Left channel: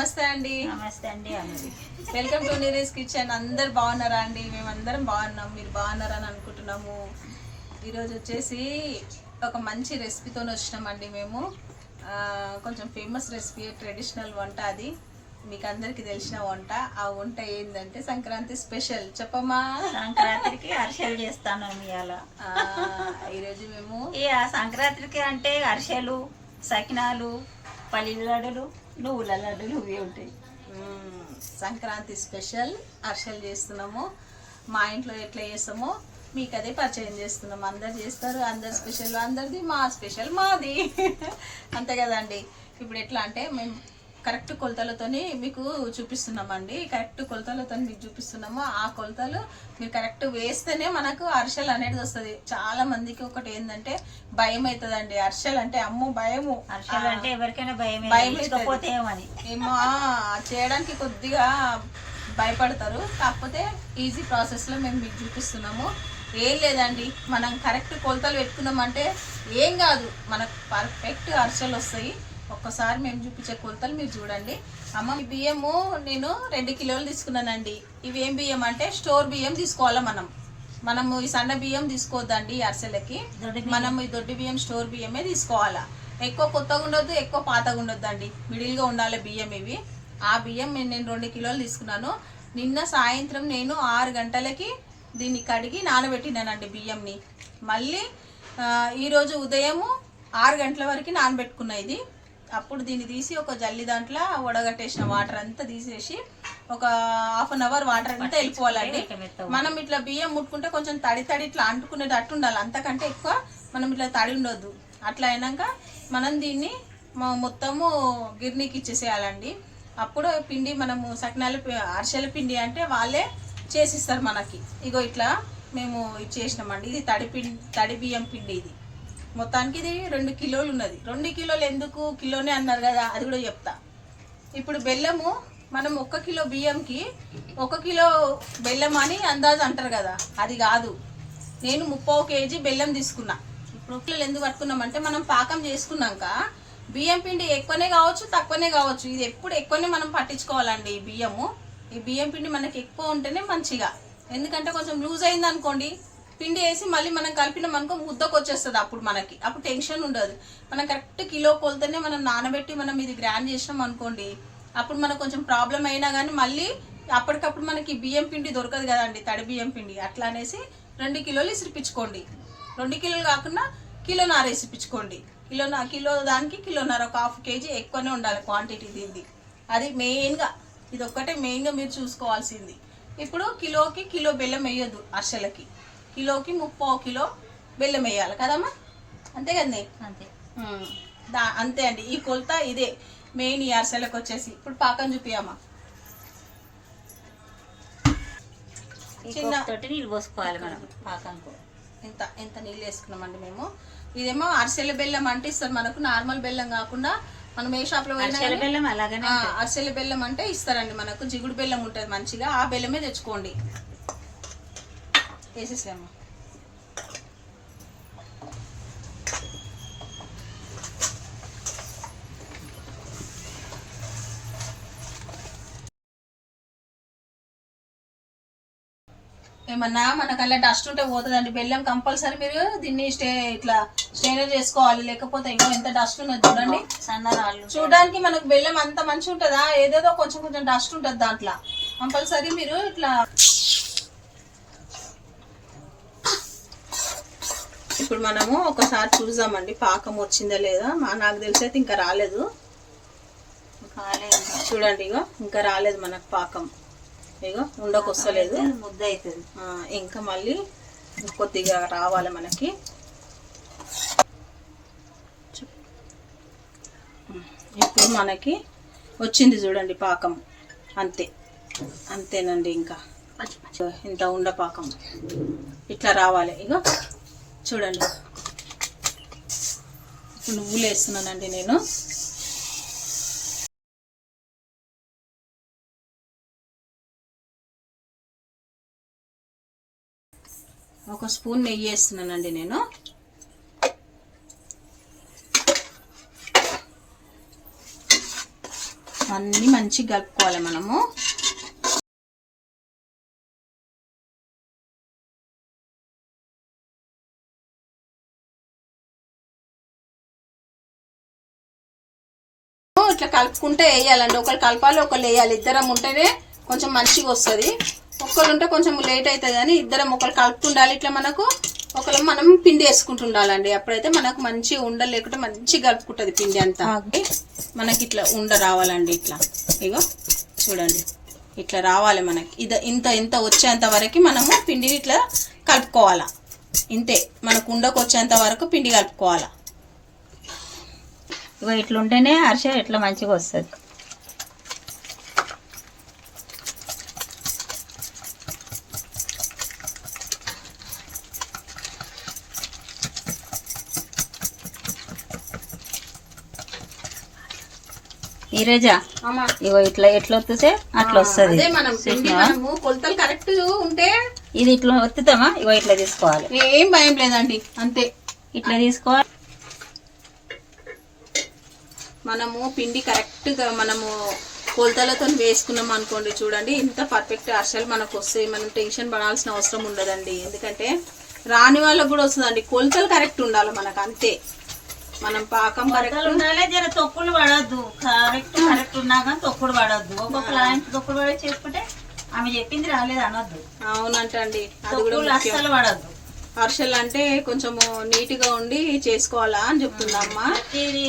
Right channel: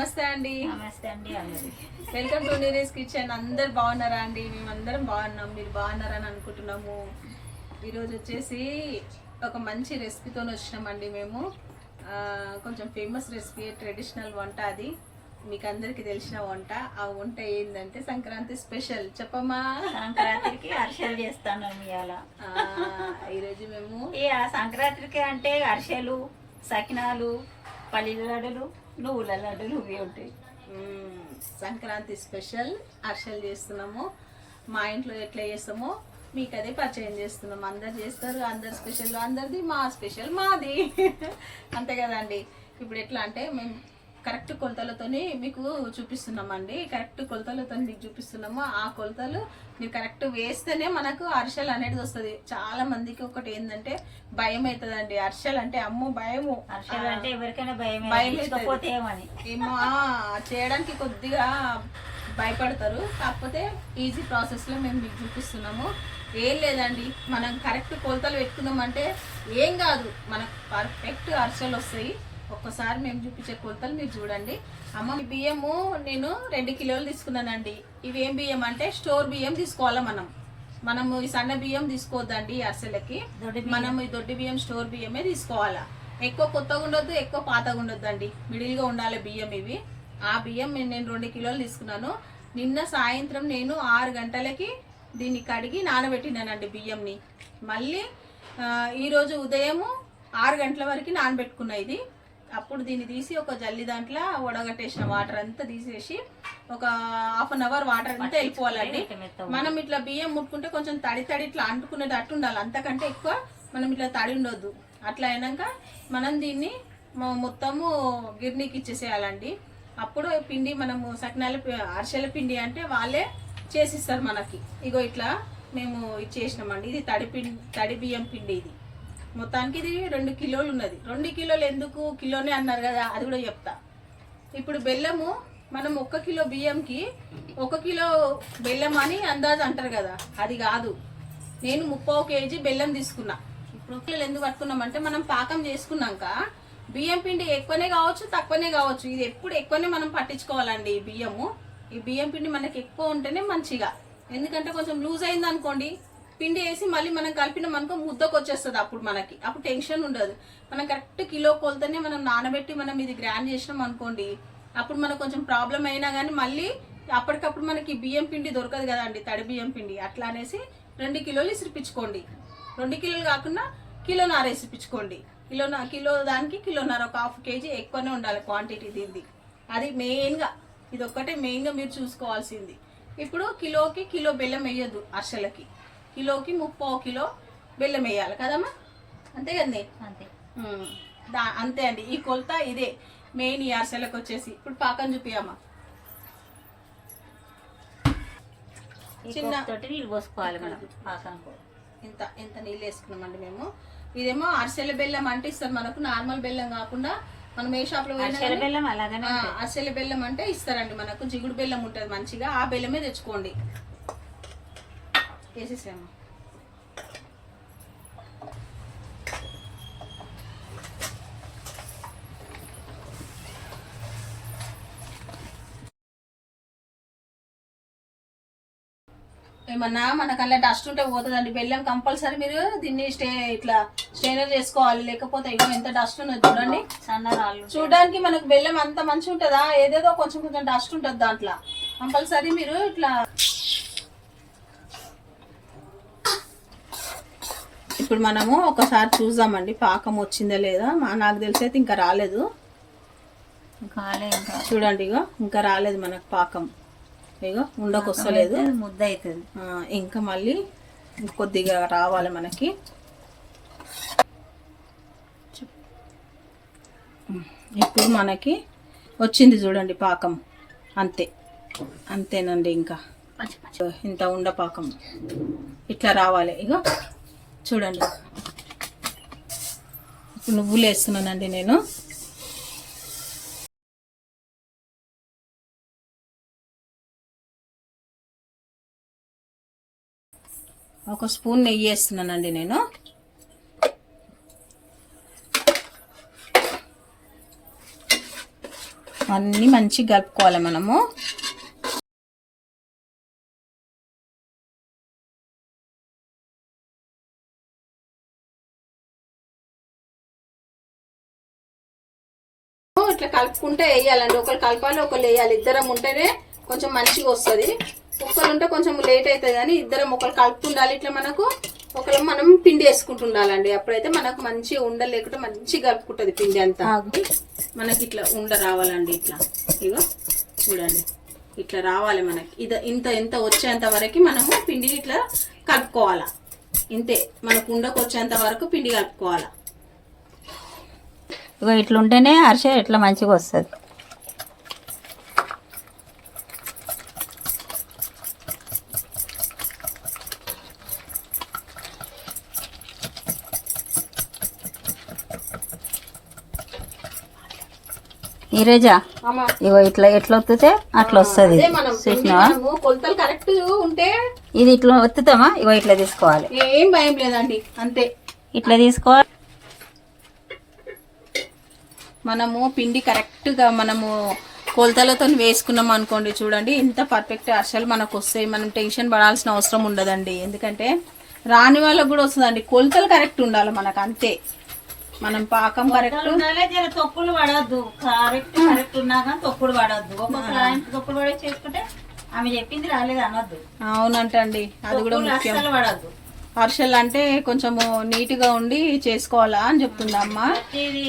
నమస్తే అండి. నమస్తే అండి. Welcome to Neeri's kitchen. అందరు బాగున్నారా అండి? మేమందరం బాగున్నాం, మీరు బాగున్నారా అని అనుకుంటున్నాము. ఈరోజు వచ్చేసి ఒక మంచి రెసిపీతో వచ్చినామండి మేము. కొంచెం ఫేమస్ రెసిపీ, ట్రెడిషనల్ వంట. అది మీకు అందరికి తెలిసిన వంట. ఆ వంట ఏంటంటే సంక్రాంతి స్పెషల్. చెప్పమ్మా. సంక్రాంతికి అరిసెలు చేస్తాను ఇవాళ. ఈరోజు మేము సంక్రాంతికి అంటే అరిసెలు, సకినాలు, పల్లీల లడ్డులు, నువ్వుల లడ్డులు ఇవి ఉంటాయి. సంక్రాంతి స్పెషల్ అరిసెలు చేస్తున్నాము. మా ఇంట్లో ఎట్లా చేస్తామో మీకు అదే పరిచయం చేస్తున్నాము. అందరు చేస్తారు, అందరు స్పెషల్ అందరిది, మా స్పెషల్ మాది. అంతే కదండి. ఇప్పుడు ఎట్లా అంటే మేము కరెక్ట్ కొలతలతోని మీకు చూపిస్తున్నామండి. కరెక్ట్ కొలతలతో మీకు చూపిస్తున్నాము. ఆ కొలతలు మీరు కరెక్ట్ వేస్తేనే మనకు అరిసెలు అనేది వస్తుంది. చాలా మందికి ఒకటి ఏంటంటే భయం అవుతుందండి. అరిసెలు అంటే అమ్మో భయము. అరిసెలు అంటే ఎవరికైనా భయం ఏమో చేయడానికి కొద్దిగా భయపడతారు. కాకపోతే ఈజీ ప్రాసెస్లో మేము మీకు చూపిస్తున్నాము. ఏం లేదండి, మనం కరెక్ట్ కొలతలు పెట్టుకున్నామంటే ఏం కాదు, మనకు పర్ఫెక్ట్ అరిసెలు వస్తాయి. ఒక్కసారి మేము చూపించే కొలతలు మీరు చూడండి. అమ్మ, బియ్యము నేను 2 కిలోలు తీసుకున్నానండి. ఇవి ఏం బియ్యం అంటే స్టోర్ బియ్యం తీసుకోవాలా. మనము ఈ సన్న బియ్యం తీసుకోవద్దండి అరిసెలకి. మనం ఈ దొడ్డి బియ్యం స్టోర్ బియ్యమే తీసుకోవాలా. ఎక్కువ కొత్తగా ఉండొద్దు, ఎక్కువ పాతగా ఉండొద్దండి, మిడిల్గా ఉండాలి బియ్యం ఇవి. ఆ బియ్యం నేను 2 కిలోలు తీసుకున్నాను. నిన్న సాయంత్రం నేను 6 గంటలకి దీన్ని కడిగి నానబెట్టినానండి బియ్యంని. మళ్ళీ ఈరోజు ఉదయము 6 గంటల వరకు నానబెట్టుకున్నా ఇది. అప్పుడు దీన్ని తీసి ఒక జల్లి దాంట్లో వడగట్టేసిన వాటర్ అంతా తీసేసి ఒక ½ అన్ అవర్ వాటర్ అంతా వెళ్ళిపోవాలండి. మనం ఇట్లా బియ్యం ముట్టుకుంటే కొంచెం తడి ఇట్లా అంటుకునేటట్టు ఉండాలి, అంతకంటే ఎక్కువ మనం ఇట్లా తడి ఉండొద్దు. అట్లా అయినాక మనం దీన్ని మొత్తము గిర్నీకి ఇచ్చేసేయాలండి. అప్పుడు పిండి మనము సకినాల అరిసెల పిండి అంటే వాళ్ళే చేసిస్తారు మనకి. ఇగో ఇట్లా మేము ఇచ్చేసినామండి. ఇది తడి బియ్యం పిండి. ఇది మొత్తానికి ఇది 2 కిలోలు ఉన్నది. 2 కిలోలు ఎందుకు కిలోనే అన్నారు కదా, అది కూడా చెప్తా. ఇప్పుడు బెల్లము మనం 1 కిలో బియ్యంకి 1 కిలో బెల్లం అని అందాజు అంటారు కదా, అది కాదు. నేను 30 కేజీ బెల్లం తీసుకున్నా. ఇప్పుడు కిలోలు ఎందుకు పట్టుకున్నామంటే మనం పాకం చేసుకున్నాక బియ్యం పిండి ఎక్కువనే కావచ్చు, తక్కువనే కావచ్చు. ఇది ఎప్పుడు ఎక్కువనే మనం పట్టించుకోవాలండి. ఈ బియ్యం పిండి మనకి ఎక్కువ ఉంటేనే మంచిగా. ఎందుకంటే కొంచెం లూజ్ అయింది అనుకోండి, పిండి వేసి మళ్ళీ మనం కలిపినాం అనుకో ముద్దకు వచ్చేస్తుంది. అప్పుడు టెన్షన్ ఉండదు. మనం కరెక్ట్ కిలో కొలతనే మనం నానబెట్టి మనం ఇది గ్రైండ్ చేసినాం అనుకోండి, అప్పుడు మనకు కొంచెం ప్రాబ్లం అయినా కానీ మళ్ళీ అప్పటికప్పుడు మనకి బియ్యం పిండి దొరకదు కదండి, తడి బియ్యం పిండి. అట్లా అనేసి 2 కిలోలు ఇసిరిపించుకోండి. 2 కిలోలు కాకుండా కిలోన్నర ఇసిరిపించుకోండి. కిలో దానికి కిలోన్నర, ఒక ½ కేజీ ఎక్కువనే ఉండాలి క్వాంటిటీ దీనిది. అది మెయిన్గా, ఇది ఒక్కటే మెయిన్గా మీరు చూసుకోవాల్సింది. ఇప్పుడు కిలోకి కిలో బెల్లం వేయొద్దు అరిసెలకి. కిలోకి 30 కిలో బెల్లం వేయాలి కదమ్మా, అంతే కదండి. అంతే అండి. ఈ కొలత ఇదే మెయిన్ ఈ అరిసెలకు వచ్చేసి. ఇప్పుడు పాకం చూపియమ్మా. చిన్న నీళ్ళు పోసుకోవాలి మనం పాకంకు. ఎంత నీళ్ళు వేసుకున్నామండి మేము. ఇదేమో అరిసెల బెల్లం అంటే ఇస్తారు మనకు, నార్మల్ బెల్లం కాకుండా. మనం ఏ షాప్ లో అరిసెల బెల్లం అలాగనే అరిసెల బెల్లం అంటే ఇస్తారండి మనకు. జిగుడు బెల్లం ఉంటుంది మంచిగా, ఆ బెల్లమే తెచ్చుకోండి. వేసేసాము. ఏమన్నా మనకు అలా డస్ట్ ఉంటే పోతుందండి. బెల్లం కంపల్సరీ మీరు దీన్ని ఇట్లా స్టెయినర్ చేసుకోవాలి, లేకపోతే ఇగో ఎంత డస్ట్ ఉన్నది చూడండి. సన్నరాళ్ళు చూడడానికి మనకు బెల్లం అంత మంచిగా ఉంటుందా, ఏదేదో కొంచెం డస్ట్ ఉంటుంది దాంట్లో. కంపల్సరీ మీరు ఇట్లా. ఇప్పుడు మనము ఒకసారి చూద్దామండి పాకం వచ్చిందా లేదా. నాకు తెలిసి అయితే ఇంకా రాలేదు. చూడండి, ఇగో ఇంకా రాలేదు మనకు పాకం. ఇగో ఉండకొస్తలేదు, ముద్ద అవుతుంది. ఇంకా మళ్ళీ కొద్దిగా రావాలి మనకి. ఇప్పుడు మనకి వచ్చింది చూడండి పాకం. అంతేనండి. ఇంకా ఇంత ఉండ పాకం ఇట్లా రావాలి. ఇగో చూడండి, నువ్వులు వేస్తున్నానండి నేను. ఒక స్పూన్ నెయ్యి వేస్తున్నానండి నేను. అన్నీ మంచిగా కలుపుకోవాలి మనము. ఇట్లా కలుపుకుంటే వేయాలండి. ఒకరు కలపాలి, ఒకరు వేయాలి. ఇద్దరం ఉంటేనే కొంచెం మంచిగా వస్తుంది. ఒకరు ఉంటే కొంచెం లేట్ అవుతుంది, కానీ ఇద్దరం ఒకరు కలుపుతుండాలి. ఇట్లా మనకు ఒకరు మనం పిండి వేసుకుంటుండాలండి. అప్పుడైతే మనకు మంచిగా ఉండ లేకుంటే మంచిగా కలుపుకుంటుంది పిండి అంతా. మనకి ఇట్లా ఉండ రావాలండి. ఇట్లా ఇగో చూడండి, ఇట్లా రావాలి మనకి. ఇంత ఇంత వచ్చేంత వరకు మనము పిండిని ఇట్లా కలుపుకోవాలా. ఇంతే, మనకు ఉండకు వచ్చేంత వరకు పిండి కలుపుకోవాలా. ఇగో ఇట్లుంటేనే అరిసె ఇట్లా మంచిగా వస్తుంది. నీరజా ఇగో ఇట్లా ఎట్లా వత్తుతే అట్లా వస్తుంది. కొలతలు కరెక్ట్ ఉంటే ఇది ఇట్లా వత్తుతామా? ఇగో ఇట్లా తీసుకోవాలి, ఏం భయం లేదండి. అంతే, ఇట్లా తీసుకోవాలి. మనము పిండి కరెక్ట్గా మనము కొలతలతో వేసుకున్నాం అనుకోండి, చూడండి ఇంత పర్ఫెక్ట్ అసలు మనకు వస్తాయి. మనం టెన్షన్ పడాల్సిన అవసరం ఉండదండి. ఎందుకంటే రాని వాళ్ళకు కూడా వస్తుందండి. కొలతలు కరెక్ట్ ఉండాలి మనకు, అంతే. మనం పాకం కరెక్ట్ ఉండాలి, జర తొక్కులు పడద్దు. కరెక్ట్ ఉన్నా కానీ తొక్కుడు పడద్దు. ఒక్కొక్క లాంటి తొక్కుడు పడే చేసుకుంటే ఆమె చెప్పింది రాలేదు అనొద్దు. అవునంటండి, అది కూడా అస్సలు పడద్దు. అరిసెలు అంటే కొంచెము నీట్గా ఉండి చేసుకోవాలా అని చెప్తుంది అమ్మ. అది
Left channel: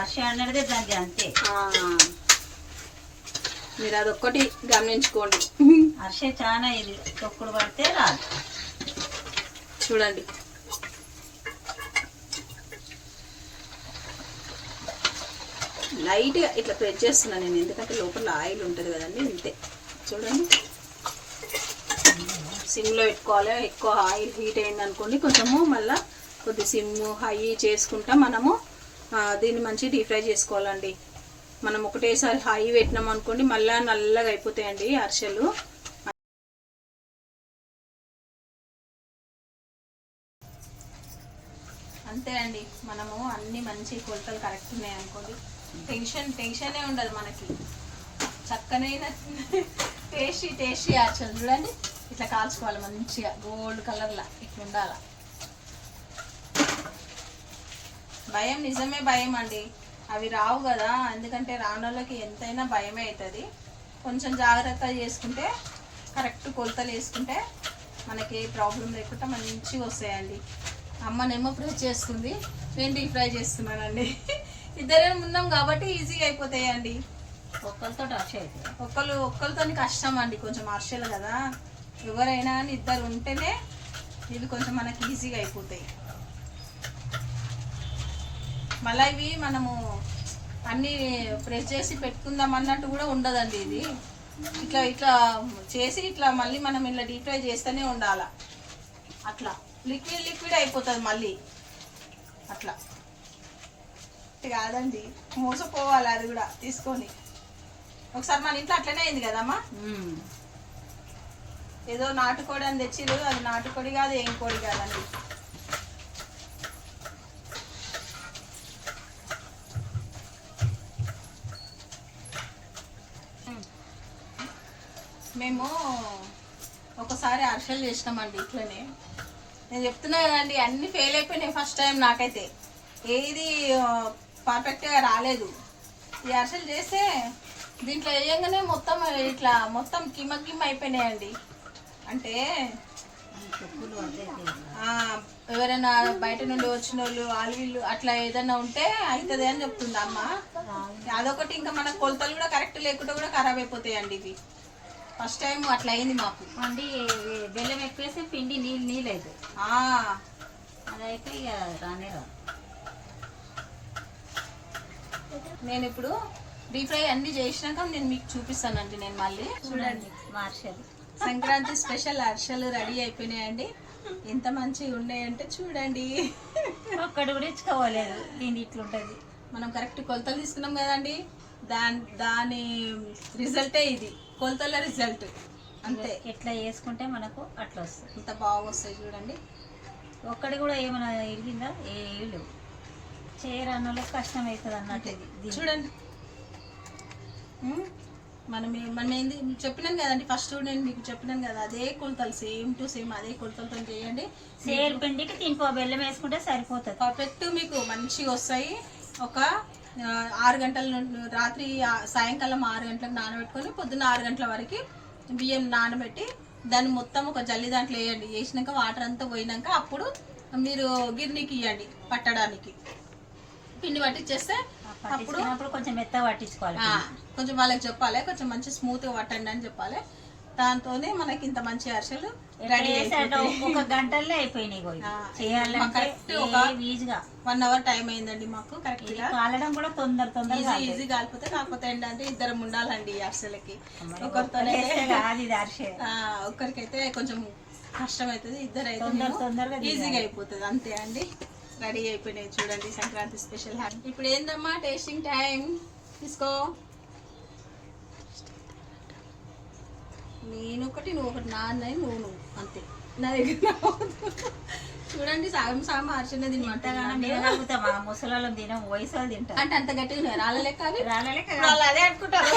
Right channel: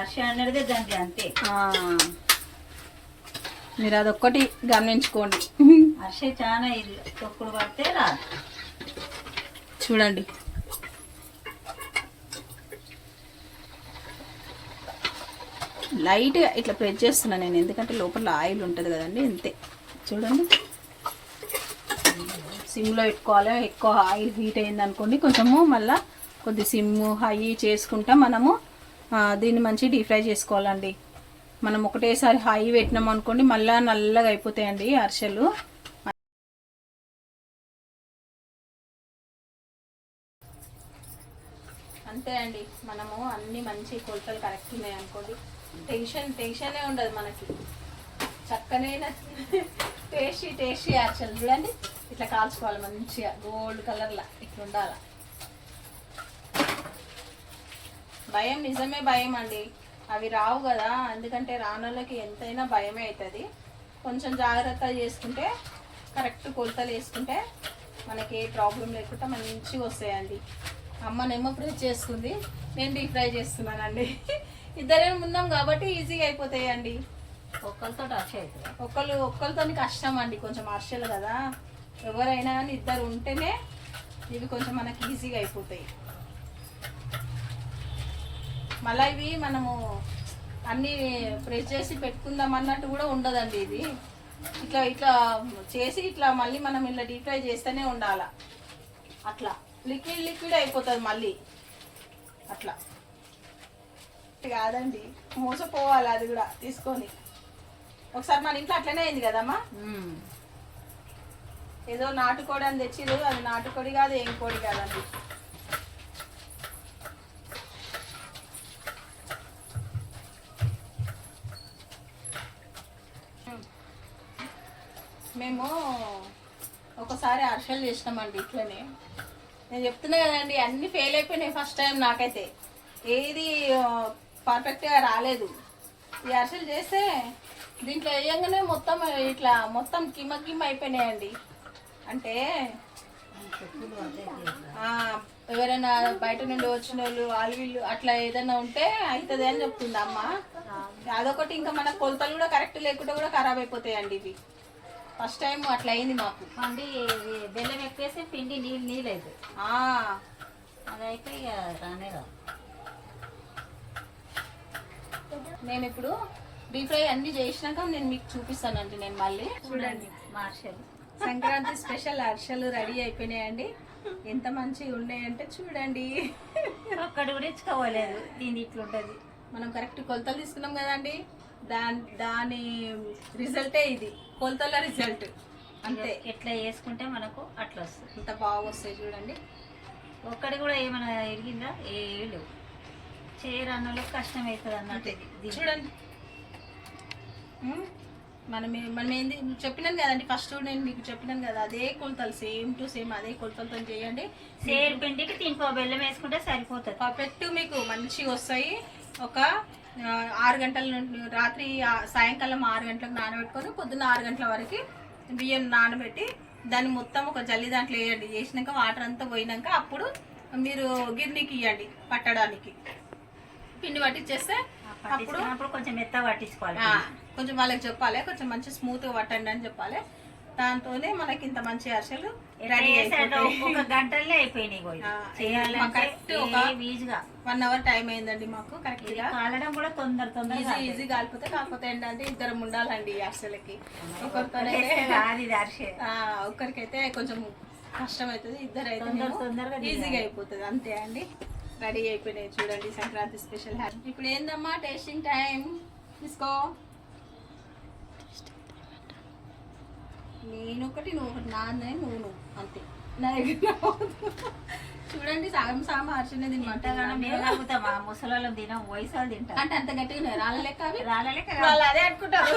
అరిసె అనేది దానికి అంతే. మీరు అదొక్కటి గమనించుకోండి. అరిసె చాలా ఇది తొక్కుడు పడితే రాదు. చూడండి, లైట్గా ఇట్లా ప్రెస్ చేస్తున్నాను నేను, ఎందుకంటే లోపల ఆయిల్ ఉంటుంది కదండి. అంతే, చూడండి. సిమ్లో పెట్టుకోవాలి. ఎక్కువ ఆయిల్ హీట్ అయింది అనుకోండి, కొంచెము మళ్ళీ కొద్ది సిమ్ హై చేసుకుంటా మనము దీన్ని మంచిగా డీప్ ఫ్రై చేసుకోవాలండి. మనం ఒకటేసారి హై పెట్టినాం అనుకోండి, మళ్ళీ నల్లగా అయిపోతాయండి అరిసెలు. అంతే అండి, మనము అన్ని మంచి కొలతలు కరెక్ట్ ఉన్నాయి అనుకోండి, టెన్షనే ఉండదు మనకి. చక్కనే టేస్టీ అరిసెలు చూడండి. ఇట్లా కాల్చుకోవాలి మంచిగా, గోల్డ్ కలర్లా ఇట్లా ఉండాలి. భయం నిజమే భయం అండి, అవి రావు కదా. ఎందుకంటే రానోళ్ళకి ఎంతైనా భయమే అవుతుంది. కొంచెం జాగ్రత్త చేసుకుంటే, కరెక్ట్ కొలతలు వేసుకుంటే మనకి ఏ ప్రాబ్లం లేకుండా మంచిగా వస్తాయండి. అమ్మనేమో ఫ్రై చేస్తుంది, నేను డీప్ ఫ్రై చేస్తున్నానండి. ఇద్దరే ఉన్నాం కాబట్టి ఈజీగా అయిపోతాయండి. ఒక్కరితో అరిసె అవుతాయి. ఒక్కరితో కష్టం అండి, కొంచెం అరిసెలు కదా. ఎవరైనా కానీ ఇద్దరు ఉంటేనే ఇవి కొంచెం మనకి ఈజీగా అయిపోతాయి. మళ్ళీ ఇవి మనము అన్నీ ప్రెస్ చేసి పెట్టుకుందాం అన్నట్టు కూడా ఉండదండి. ఇది ఇట్లా ఇట్లా చేసి ఇట్లా మళ్ళీ మనం ఇలా డీప్ ఫ్రై చేస్తూనే ఉండాలి. అట్లా లిక్విడ్ అయిపోతుంది మళ్ళీ. అట్లా కాదండి, మోసపోవాలి అది కూడా తీసుకొని. ఒకసారి మన ఇంట్లో అట్లనే అయింది కదమ్మా. ఏదో నాటుకోడి అని తెచ్చిరు, అది నాటుకోడి కాదు, ఏం కోడి కాదండి. మేము ఒకసారి అరిసెలు చేసినామండి ఇట్లనే. నేను చెప్తున్నా కదండి, అన్నీ ఫెయిల్ అయిపోయినాయి ఫస్ట్ టైం. నాకైతే ఏది పర్ఫెక్ట్గా రాలేదు. ఈ అరిసెలు చేస్తే దీంట్లో వేయంగానే మొత్తం ఇట్లా మొత్తం గిమ్మ అయిపోయినాయండి. అంటే ఎవరైనా బయట నుండి వచ్చిన వాళ్ళు వీళ్ళు అట్లా ఏదైనా ఉంటే అవుతుంది అని చెప్తుంది అమ్మ. అదొకటి, ఇంకా మన కొలతలు కూడా కరెక్ట్ లేకుండా కూడా ఖరాబ్ అయిపోతాయండి ఇవి. ఫస్ట్ టైం అట్లా అయింది మాకు. అండి బెల్లం ఎక్కువేసి పిండి నీళ్ళు అవుతుంది. అదైతే ఇక రానే రాదు. నేను ఇప్పుడు డీప్ ఫ్రై అన్ని చేసినాక నేను మీకు చూపిస్తానండి. నేను మళ్ళీ చూడండి మా అరిసెలు, సంక్రాంతి స్పెషల్ అరిసెలు రెడీ అయిపోయినాయండి. ఎంత మంచిగా ఉన్నాయంటే చూడండి. ఒక్కడు కూడా ఇచ్చుకోవలేదు. దీని ఇట్లుంటుంది. మనం కరెక్ట్ కొలతలు తీసుకున్నాం కదండి, దాని రిజల్టే ఇది, కొలతల రిజల్ట్. అంతే, ఎట్లా వేసుకుంటే మనకు అట్లా వస్తుంది. అంత బాగా వస్తాయి చూడండి. ఒక్కడి కూడా ఏమైనా ఎరిగిందా? ఏమీ లేవు. చేయరాని వాళ్ళకి కష్టం అవుతుంది అన్నట్టు ఇది. చూడండి మనం ఏంది చెప్పినాను కదండి, ఫస్ట్ నేను మీకు చెప్పినాను కదా, అదే కొలతలు సేమ్ టు సేమ్ అదే కొలతలతో చేయండి. సేరు పిండికి తినిపో బెల్లం వేసుకుంటే సరిపోతుంది. పర్ఫెక్ట్ మీకు మంచిగా వస్తాయి. ఒక 6 గంటల నుండి రాత్రి సాయంకాలం 6 గంటలకు నానబెట్టుకొని పొద్దున్న 6 గంటల వరకు బియ్యం నానబెట్టి దాన్ని మొత్తం ఒక జల్లి దాంట్లో వేయండి. వేసినాక వాటర్ అంతా పోయినాక అప్పుడు మీరు గిర్నీకి ఇవ్వండి పట్టడానికి. పిండి పట్టించేస్తే అప్పుడు కొంచెం మెత్తగా పట్టించుకోవాలి. కొంచెం వాళ్ళకి చెప్పాలి, కొంచెం మంచి స్మూత్గా పట్టండి అని చెప్పాలి. దాంతోనే మనకి ఇంత మంచి అరిసెలు రెడీ. ఒక గంటల్లో అయిపోయినాయి. కరెక్ట్ ఒక 1 అవర్ టైం అయిందండి మాకు. కరెక్ట్ గా కాలడం కూడా తొందరగా ఈజీ కాలిపోతే. కాకపోతే ఏంటంటే ఇద్దరం ఉండాలండి ఈ అరిసెలకి. ఒక్కరికైతే కొంచెం కష్టం అవుతుంది, ఇద్దరు అయితే తొందరగా ఈజీగా అయిపోతుంది. అంతే అండి, రెడీ అయిపోయినాయి చూడండి సంక్రాంతి స్పెషల్ హ్యాపీ. ఇప్పుడు ఏందమ్మా టేస్టింగ్ టైం, తీసుకో. నేను ఒకటి నువ్వు ఒకటి, నాన్నది నువ్వు అంతే. నా దగ్గర చూడండి సగం సగం అరిసెనే తినమాట. ముసలాళ్ళం తినం, వయసు వాళ్ళు తింటారు. అంటే అంత గట్టిగా రాళ్ళలేక అవి రాళ్ళలేక వాళ్ళు అదే అనుకుంటారు.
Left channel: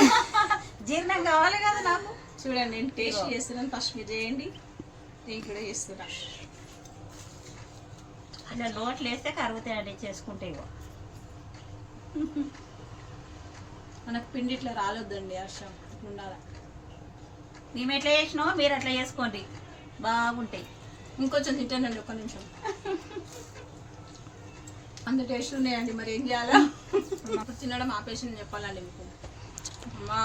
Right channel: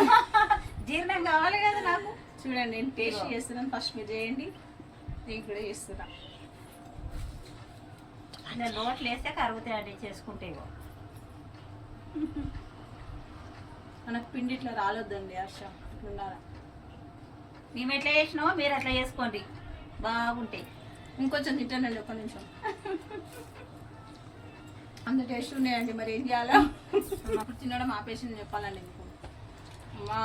జీర్ణం కావాలి కదా నాకు. చూడండి నేను టేస్ట్ చేస్తున్నాను, ఫస్ట్ మీరు చేయండి, నేను కూడా చేస్తున్నా. ఇలా లోట్లు వేస్తే కరుగుతాయండి చేసుకుంటే. మనకు పిండి ఇట్లా రాలొద్దండి హర్షం, ఉండాలి. మేము ఎట్లా చేసినామో మీరు అట్లా చేసుకోండి, బాగుంటాయి. ఇంకొంచెం తింటానండి, ఒక్క నిమిషం. అంత టేస్ట్ ఉన్నాయండి, మరి ఏం చేయాలా? ఇప్పుడు తినడం ఆపేసి చెప్పాలండి మీకు. మా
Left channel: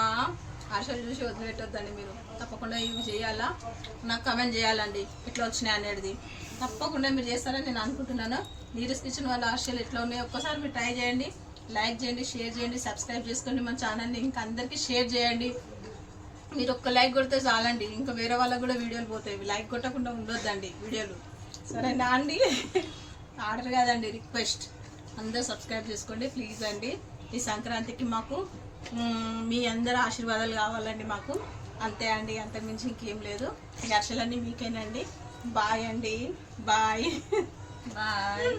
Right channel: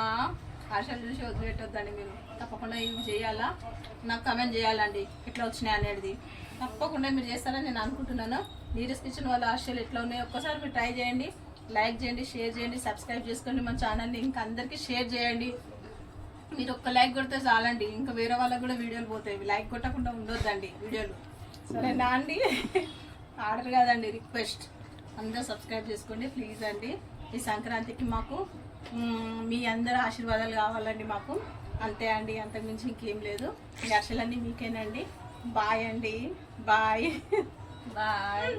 హర్షలు చూసి వదిలిపెట్టొద్దండి మీరు, తప్పకుండా ఇవి చేయాలా. నాకు కమెంట్ చేయాలండి ఎట్లా వచ్చినాయి అనేది. తప్పకుండా మీరు చేస్తారని నేను అనుకుంటున్నాను. నీరజ్ కిచెన్ వాళ్ళ హర్షలు ఎట్లా ఉన్నాయో ఒక్కసారి మీరు ట్రై చేయండి. లైక్ చేయండి, షేర్ చేయండి, సబ్స్క్రైబ్ చేసుకోండి మన ఛానల్ని. ఇంకా అందరికీ షేర్ చేయండి. మీరు ఒక్క లైక్ కొడితే చాలండి, ఇంకా వేరే వాళ్ళకు కూడా వీడియోలు పోతాయి. లైక్ కొట్టకుండా ఉండొద్దండి వీడియోలు, సరేనా అండి? ఆర్డర్ కాదండి, రిక్వెస్ట్. అందరూ సబ్స్క్రైబ్ చేసుకోండి ప్లీజ్ అండి. ఈ సంక్రాంతికి మాకు మీ అందరూ ఆశీర్వాదాలు కావాలండి మాకు, అంతే అండి. అంతకుమించి ఇంకేం లేదు. ఈ అర్షలన్నీ మీకేనండి. బాయ్ అండి, బాయ్ బాయ్.